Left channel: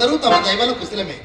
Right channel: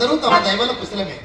అందరూ తమ దైవాల కుశలమే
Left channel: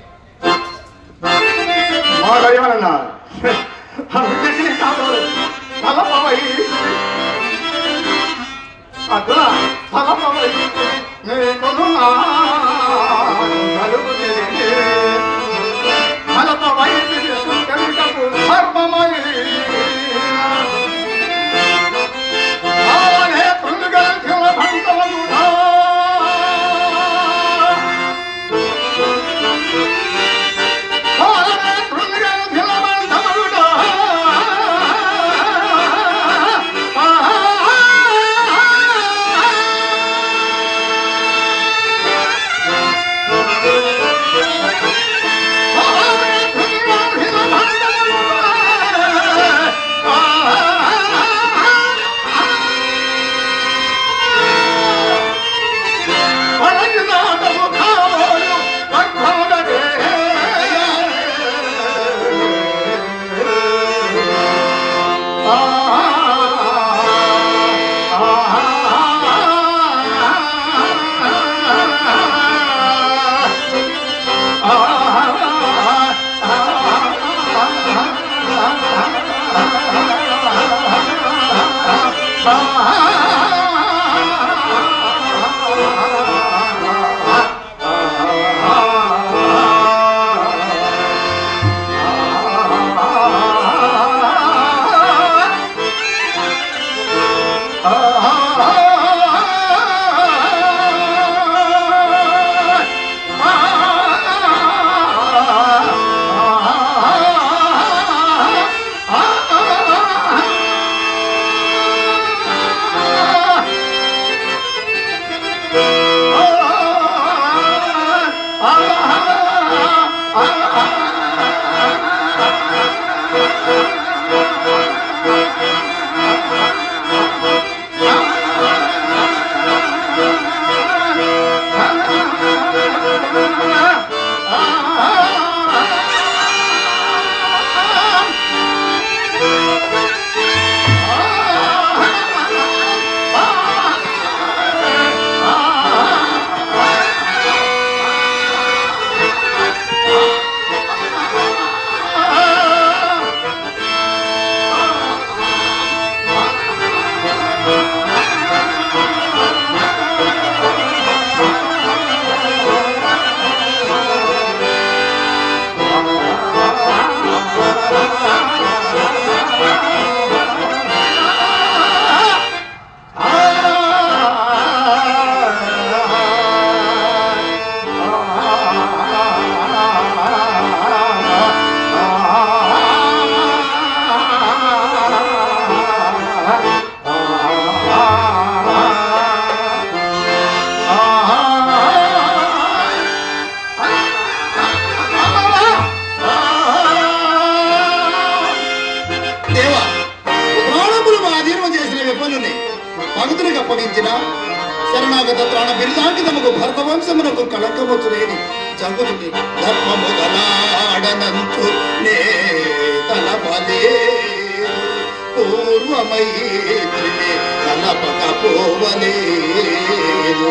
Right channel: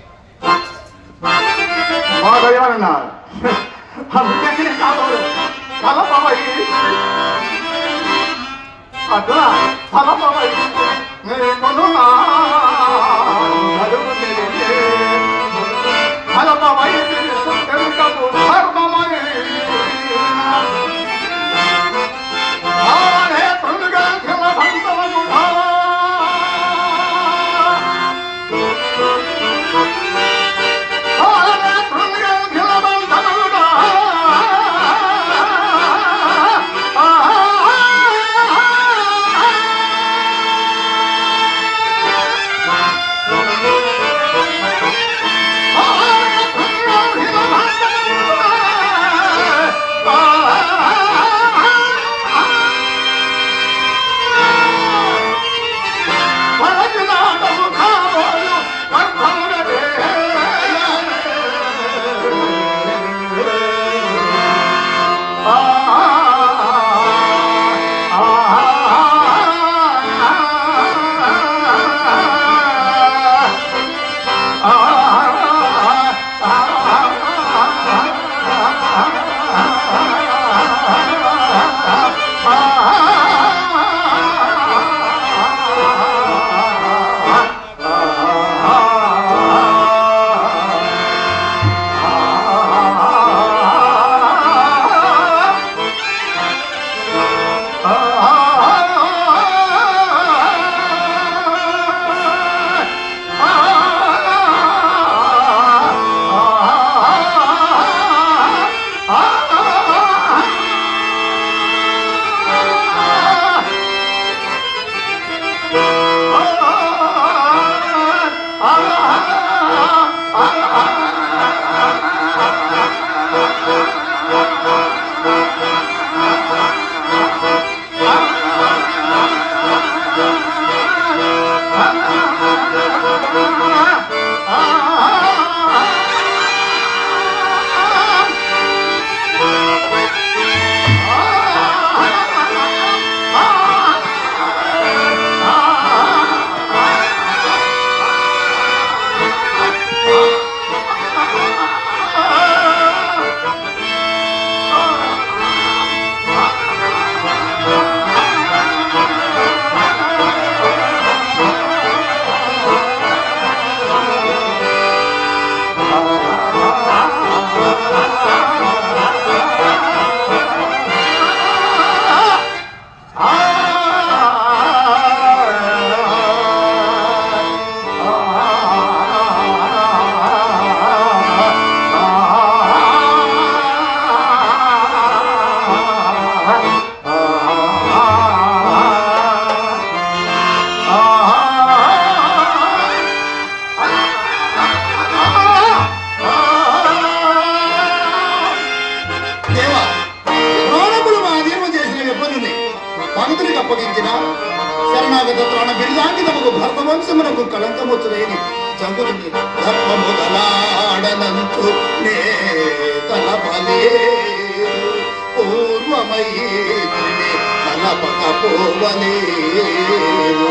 తలపకపోవలేదు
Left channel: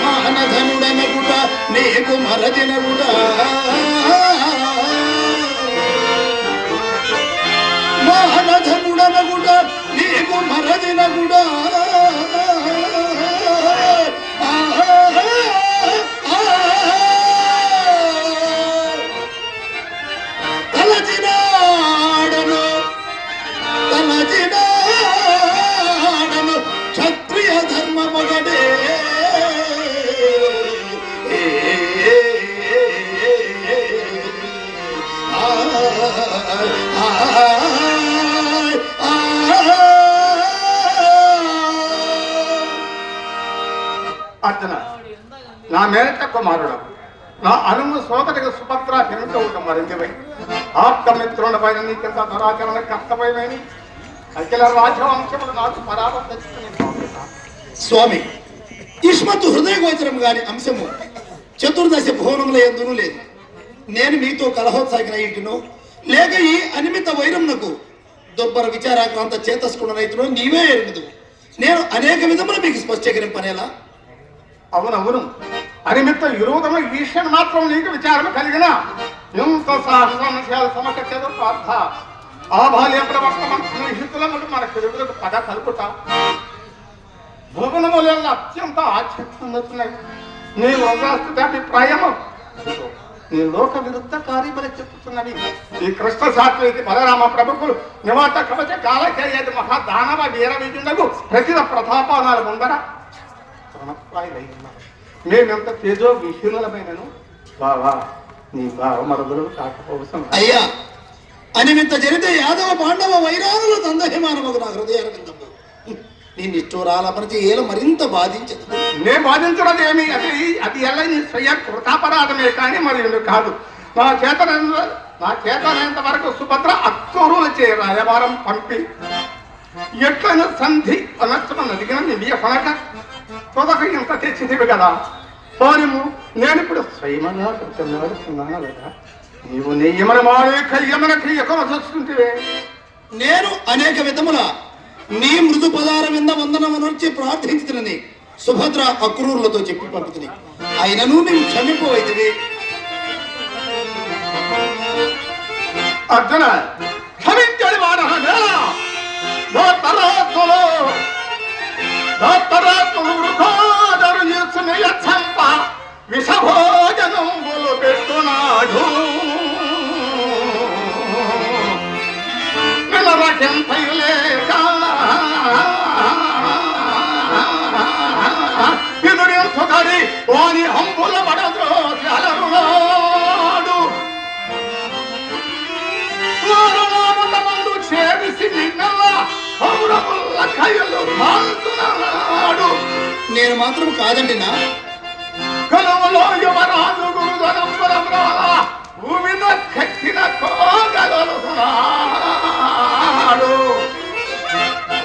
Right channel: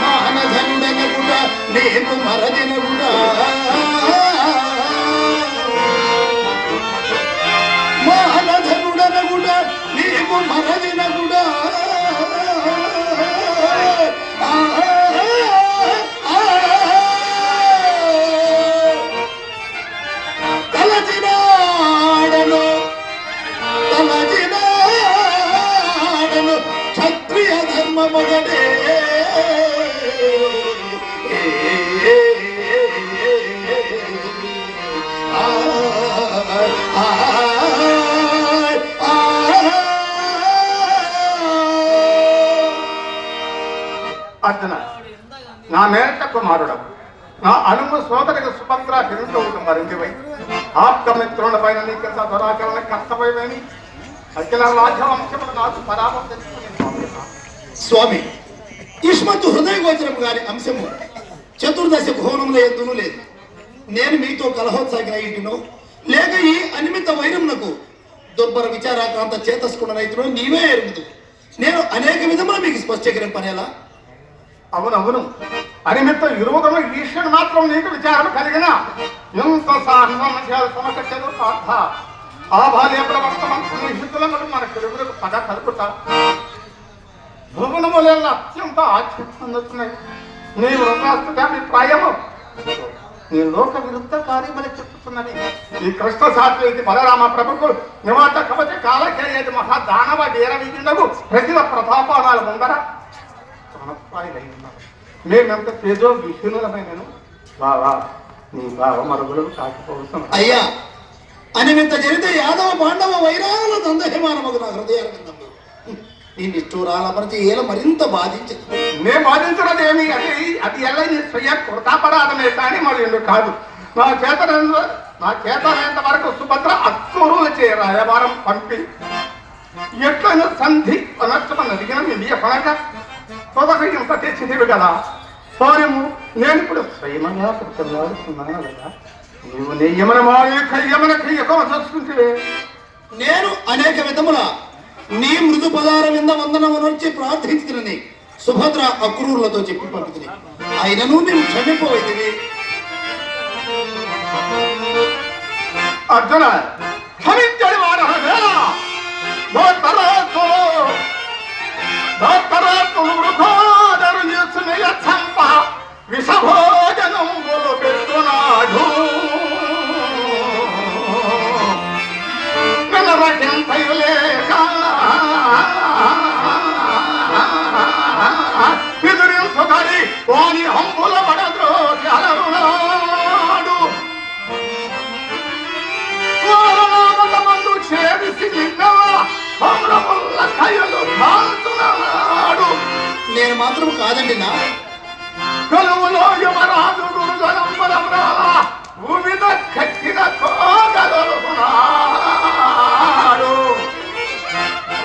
మానధనుడనగుడా నీకు మరదినగుడా మానధనుడనగుడా నీకు మరదినగుడా తలచినాడను మేనక కుమారుడు. నా అనుము సోదరికి సుభద్ర తిరుగుతూ మరిందివై ఆప్తమిత్రుల పైన నీకెంత దురాచరణ కష్టపోయేని అఖిల రాజవంశములు నాకు పరామం తెచ్చుకుని పంపిస్తాను స్వామి ఇస్మత్తు హృదయ గోచరం గారి అంశము చతుర్దశ భువనముల ఎందునూ లేదు. నేను మీతో కలహోత్సాగిన ఇంటును లేక ఈ అనిమిత వైరమునకు దుర్భర విచారాక్రాంత చేతస్కున్న రైతును నీవే ఎరుగుదు నేను అనేక విధములు మీకు స్పష్టీకరింపనేలా? అవునవును. అనిమిత్త విరోధము ఈశ్వరు మాత్రం నీకు విచారణ కలిగిన. ఎంత సాహసం చేయాలి సమకచ్చదు పార్థ ఆ బాల్య ప్రవర్తన స్నేహితులములు మన తెలుగులకు పద కలుపుతా భువనములలో అత్యంత ఆశ్చర్యున్నట్టున్నాయి నీ వృద్ధాస్థితి అభిప్రాయము. నీ లోక విరుద్ధ కార్యములు చెప్పుతున్నది. ఈ కృష్ణ సాత్వికి బలరామ ప్రభుకు నివాత కవచ కాలచర్యది మహా దానవ వీర విధిందకు ప్రజల ప్రతాపానాల ముందర ప్రాణప్రాయులై ఉన్నారు మేమెంత తేజో విహీనులమైనను బావా నీ బావ మరుగులు కాకపోవసం అయ్యా అనిమిత్త జరిగితే యాదవ పాండవ వైరాల దందహిమానమగు నా హృదయారవిందము. నీ నిష్ఠూరాలపరిచి ఏల మరింత బాధించదు. నే బాధించడం ఏమి? అది అది ఎలా నీ స్వయం కృతాపరాధమే కానీ మరి కాదు. నా చేతనంత నా చేతనంత వరకు సుభద్ర అత్తూరులు చే రాయవారం పంపి. ఎట్లైనా సంధి అనర్చమని అడిగిన నిలియ పనక. తొదక ఇంత తెచ్చిదివి కదా వారిము నేను ఇప్పుడు స్వయమంగా ప్రతిమాడుతున్నాను కదా. నీవు నెయ్యమన మాడే కయ్యమన కయ్యకం చూసుకుంటే నేను అనేక విధముల నీ మృదు పదార వింద వందనమనర్చి ప్రార్థించుతున్నది సుభద్ర అక్రూరులతో చెప్పి పంపుతుంది ఆయనను నేను క్షమిపోయింది అర్జున భోత్తరాత్ములు వృథోదరు చేసునయ చంప విషభోజనములు పెట్టునాడు. నిలవకింతయులే కాణ ఎదురించుకడి వాని హంపుల పడద్రో అలరునాడు నారాయణమందు చేరిసి విన్నవా నేను మాత్రం కాదండి నా. గలములో యువరాజు భూమిన కట్టిన కోగలున్నాడు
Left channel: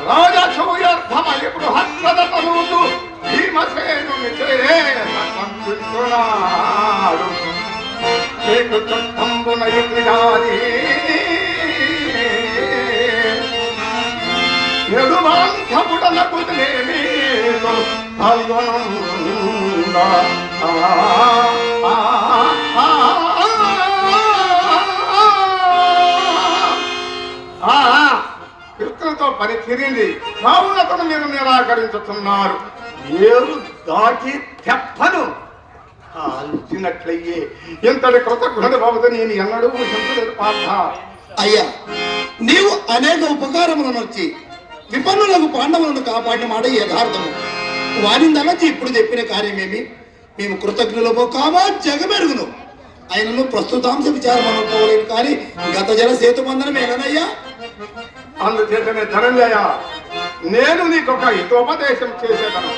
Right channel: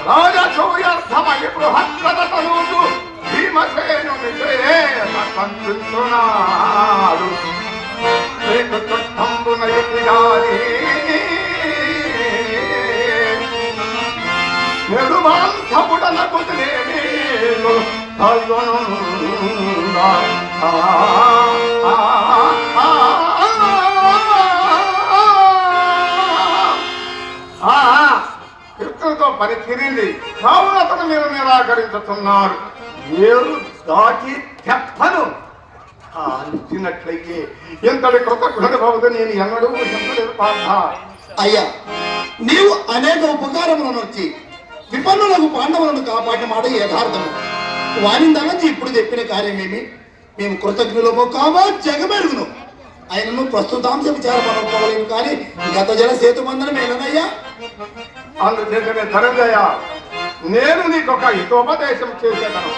రాజసూయర్థమై బృహత్రద తనూసు భీమసేను మిత్రే సంతున్నాడు నీకు చుట్టంబున నెడుమాంతముడన కుదిలేని ఫల్గునుందా. ఆ, పని తిరిగింది కావున అతను మీరు నిరాకరించుతున్నాడు ఏరు దాటి తెప్పను అంచినట్లయ్యే ఇంతటి కృతజ్ఞుడి బాబుతో నేను ఎన్నడూ ఎంతటి పాఠ అయ్యా నీవు అనేక ఉపకారములను వచ్చి విపన్నులకు పాండవులను కాపాడిన మాట యథార్థము. వాని ఇప్పుడు చెప్పిన కార్యమేమి? మేము కృతజ్ఞులము కావా? జగమెరుగును. ఆయనను ప్రస్తుతాంశ విచారం అనుకోలేము కానీ గత జల సేతు మందనమే కదయ్యా అందుచేతనే ధనంజయ నేను నీకు ఒక హితోపదేశం చేసేదాను.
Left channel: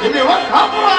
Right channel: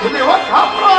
give me one compliment.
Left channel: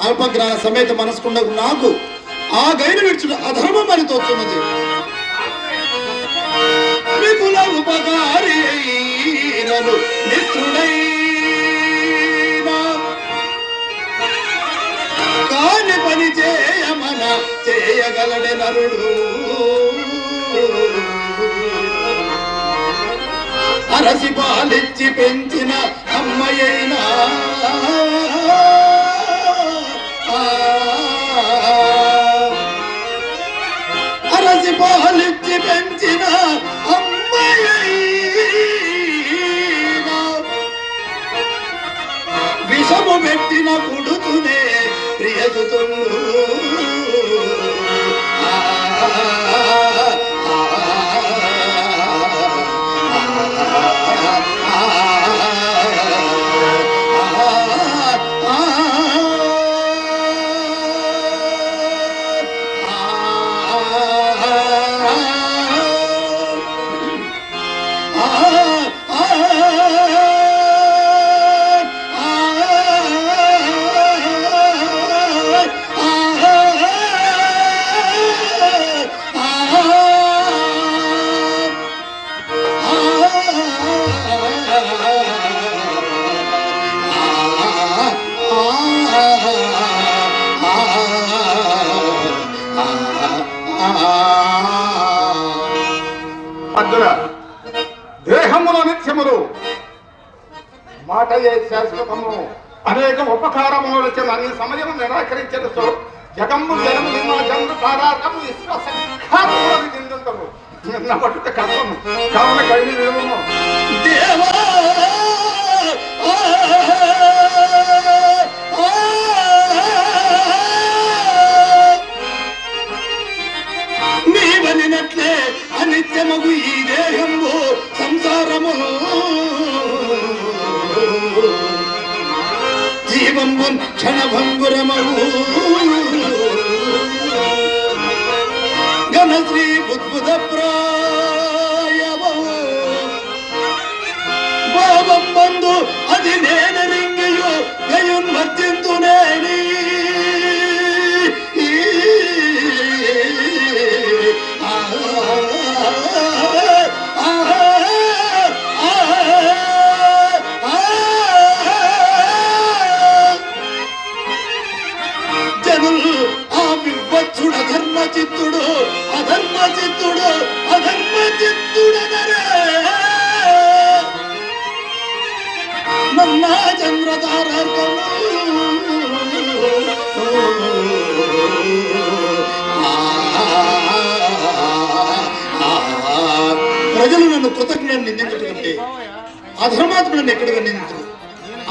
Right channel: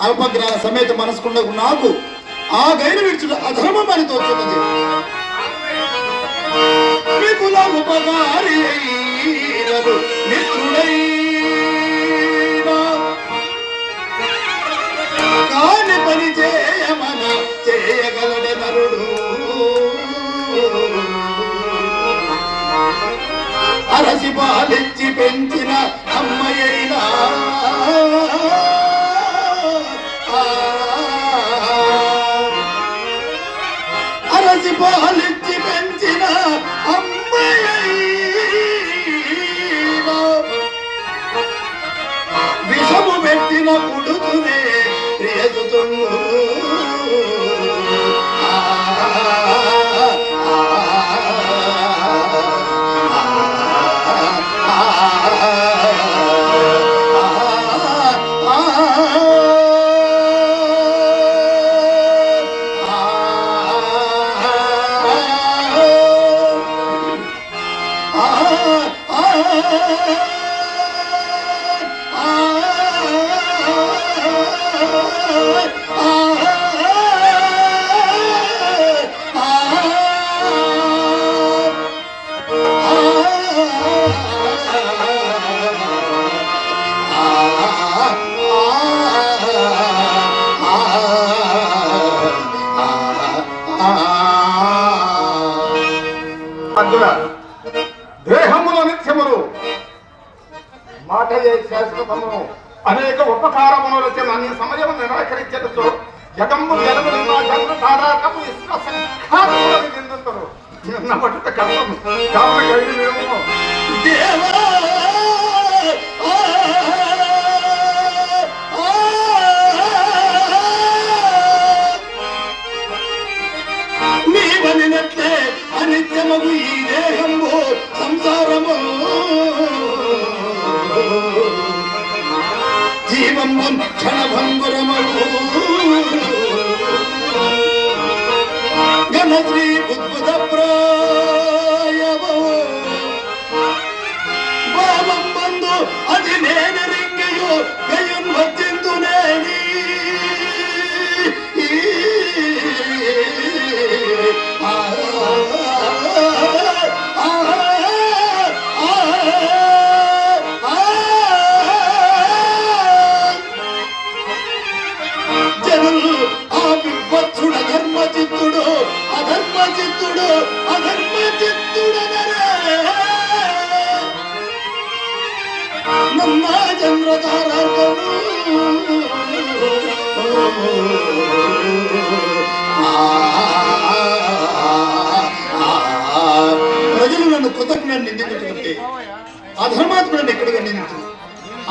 అల్పగ్రహ సమేత మనసుకుండకు నాకు ఆ గైన విడుచుడు అధర్మం అని తోచున్నది. విపుల ఉపకారి కాని పని చేయమన చేయగలడే నరుడు. అరసి పాలించి పెంచిన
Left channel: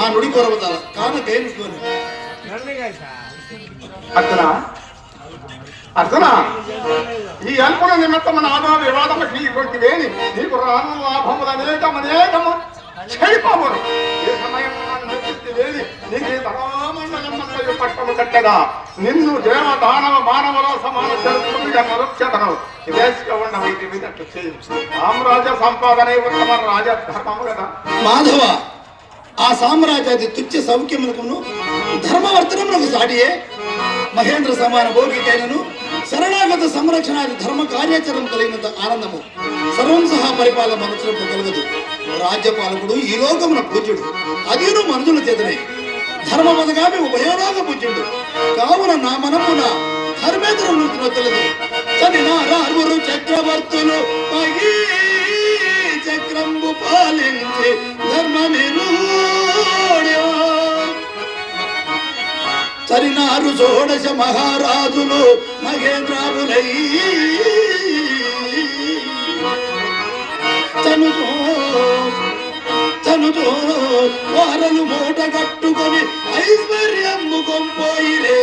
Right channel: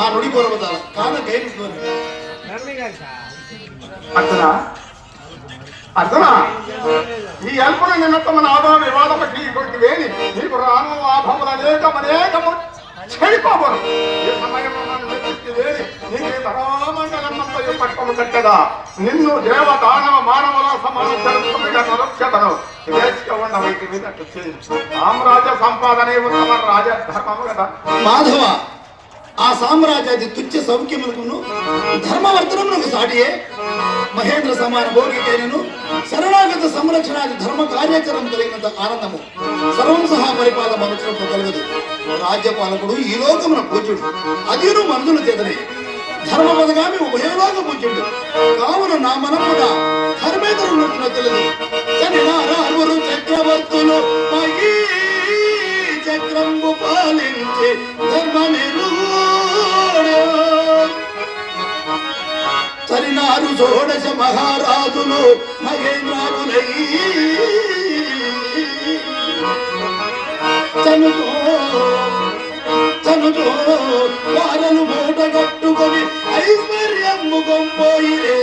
ఆ నుడి కొరవతాల కాన గైరు అర్జున? అర్జున? ఈ అల్పుల నిమిత్తమైన ఆదాయ నీకు రాను లాభములు అనేకం అనేకము. చెడిపోవరు ఈ నీకు ధనామండలమంతయు పట్టము కట్టదా? నిన్ను దేవ దానవ మానవుల సమాన ఉన్న వీటి మీద సామ్రాజ్య సంపాదనే రాజధర్మము కదా. మాధవ ఆ సామ్రాజ్యాది తుచ్చ సౌఖ్యములకును ధర్మవర్తనములకు సాటియే మహేంద్ర సమాన భోగికైనను శరణాగత సంరక్షణాది ధర్మ కార్యాచరణ కలిగినంత ఆనందము సర్వం సహా పరిపాలన వచ్చినప్పుడు కలగదు. రాజ్యపాలకుడు ఈ లోకమున పూజ్యుడు అదిను మనుషులు చేతనే. ధర్మ పదగామి ఉభయోలోక పూజ్యుడు. కావున నా మనమున ధర్మేతర వృత్తిలో తెలియదు నా నారాగురు చక్రవర్తులు మహీ చక్రంబు పాలించి ధర్మమిరుడు వరినారు షోడశ మహారాజులు మహేంద్రాములై. వారను మూట కట్టుకొని ఐశ్వర్యం ముఖం ఐశ్వర్యమ్ముకొంపోయిరే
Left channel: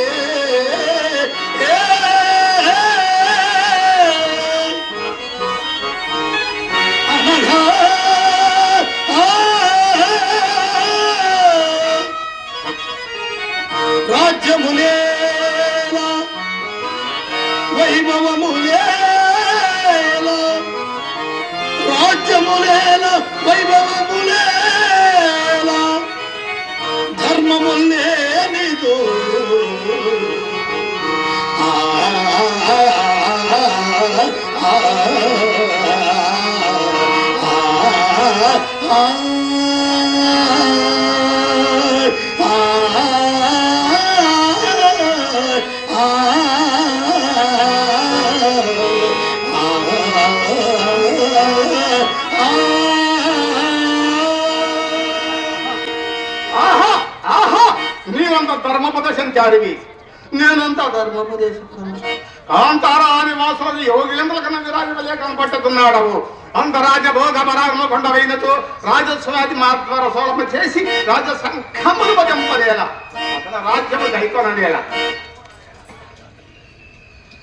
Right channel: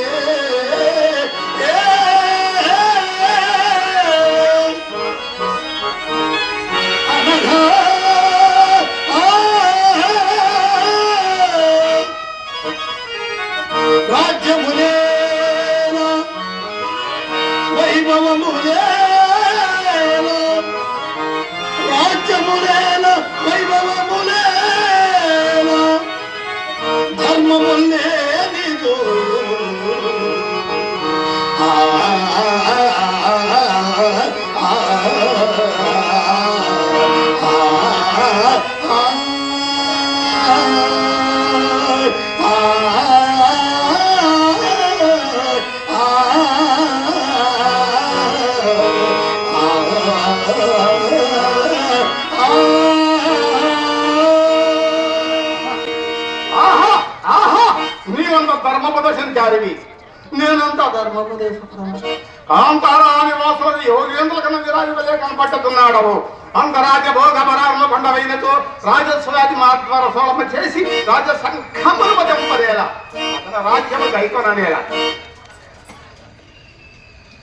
దైకొననేలా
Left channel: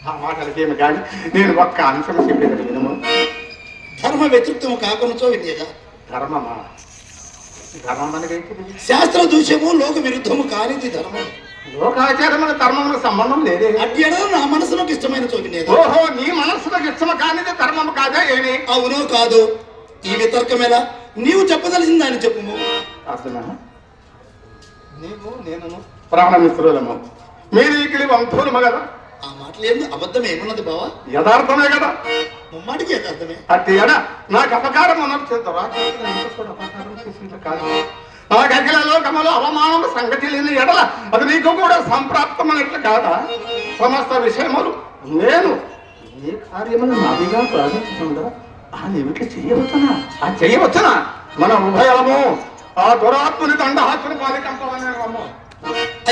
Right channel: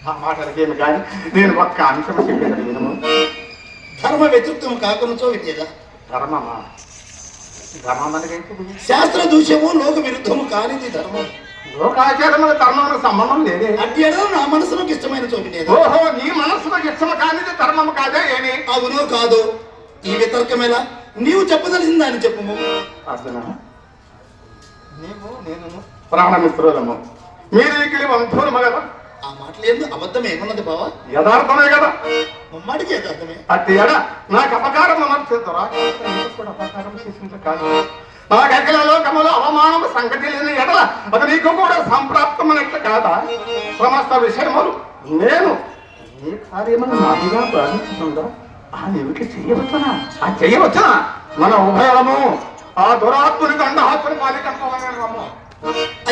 ఆ మాటలకేమి కానీ నేను ఒక్క అంశం చెప్పేది వినము. ధర్మ వ్యతిత్వం కాకుండా విద్యగా ధర్మమా? ధర్మానికి శాస్త్ర దూష్యము లోక విరుద్ధము కానిది ధర్మం. లోకాచారముల ధర్మములకు సంబంధం లేదే. ఎడల నా మనసులకు ఇష్టమైన చోపినేది. ఓహో నీ మనస్సుకు ఇష్టం కానిది ధర్మము కాదే ఏమి? అవునో కాదు? ఈ వితర్కం ఎలా? నీవు చెప్పదలసిన దాన్ని చెప్పుము. అర్జున నీవు నేను ప్రాణమిత్రులము. మీరు ఇక్కడ బంధువులము కదా? ఆ మాటలు ఏందో? అబద్ధం ఏమున్నది బావా? యథార్థమే కదా? ముమ్మాటికి అర్థమే? అట్టి ఎడ? నాకు అపకారం అనర్చుతారా అపకారం చేసింది కాదు లోకములో అవమానం సంగతి లేని ఎడల అది నీకు కూడా సంప్రాప్తమైనట్లు కాదా? సమస్త విషయములు నేను ఏ కార్యములు నాదిగా ప్రారంభిస్తుందా ఆ నీవికి చెయ్యవచ్చునా ఆ చెయ్యవచ్చునా మన ఉభయము ఆ దురాత్ముని దండహాత్ముని పాలికంపమైన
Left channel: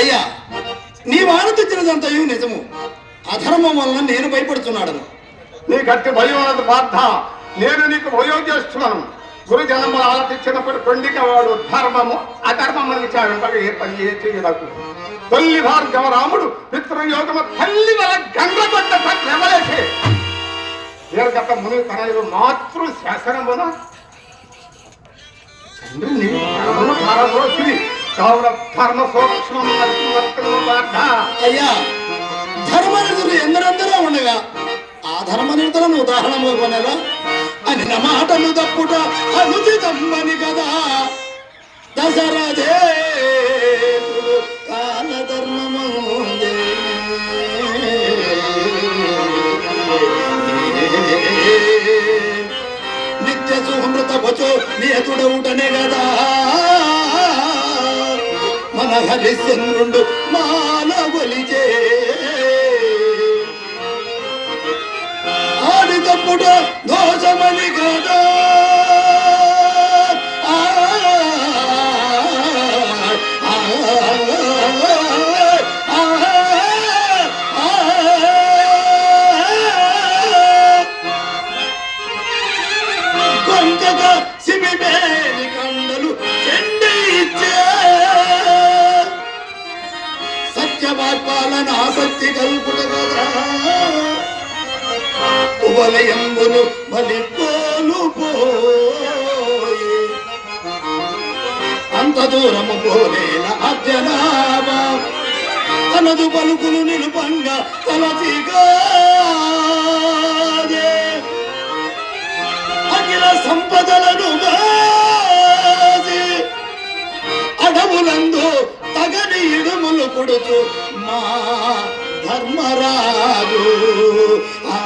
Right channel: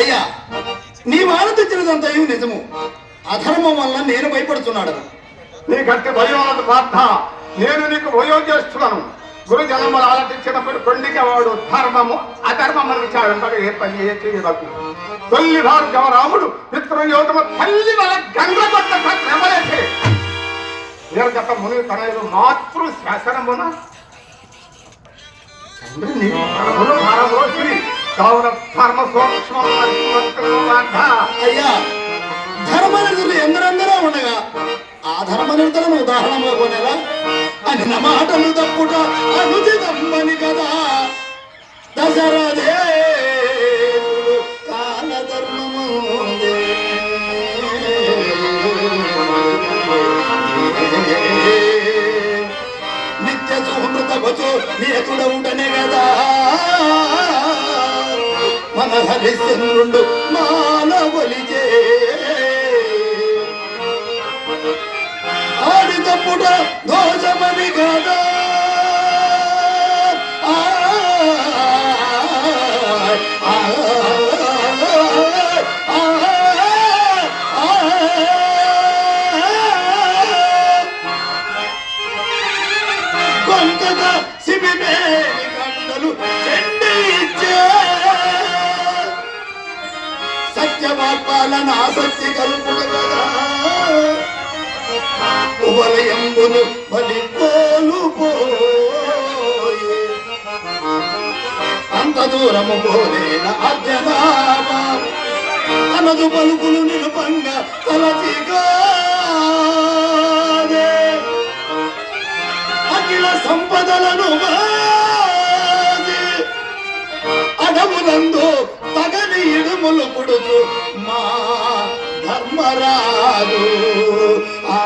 అయ్యా నీ వాన తెచ్చినదంతయు నిజము. అధర్మం వల్ల నేను భయపడుతున్నాడు. నీ గట్టి భయం అన్నది పార్థ నేను నీకు వయోజ్యేష్ఠులను గురు జన్మలు ఆలపించినప్పుడు కొండిక వాడు ధర్మము అధర్మము విచారింపగా ఏ పని ఏ చేయదకు తొల్లి భార్గవ రాముడు మిత్రయోగము తల్లి వల్ల గంగ కొట్ట నేను దీర్ఘత ముని కరలు మాతృ శాసనమున? చంద్రుని ధర్మము ధర్మ సూక్ష్మం అయ్యా ధర్మ నిరతులు ఎందరందరూ ఉండగా ఆ ధర్మ నిర్ధనం ఉదాహరణలో కొనగా అని నమాటలు తప్పుట అనుది తమ్మని కదా. దశరథే నిత్య సుహృత భచో నియతుడవుటనే కదా. హరిశ్చంద్రుడు మానవలిచే ఆడి తప్పుట సత్యవాక్పాలన ఆసక్తి కల్పుల కదా. ఉవలయంబులు బలిపోలు పోయి. అంత దూరము పోలేన అర్జనామా తనదు పలుకులు నిలుపంగా తలచిగా అఖిల సంపదలను అడవులందు తగని ఇడుములు కుడుతూ ఆత్మరాలు ఆ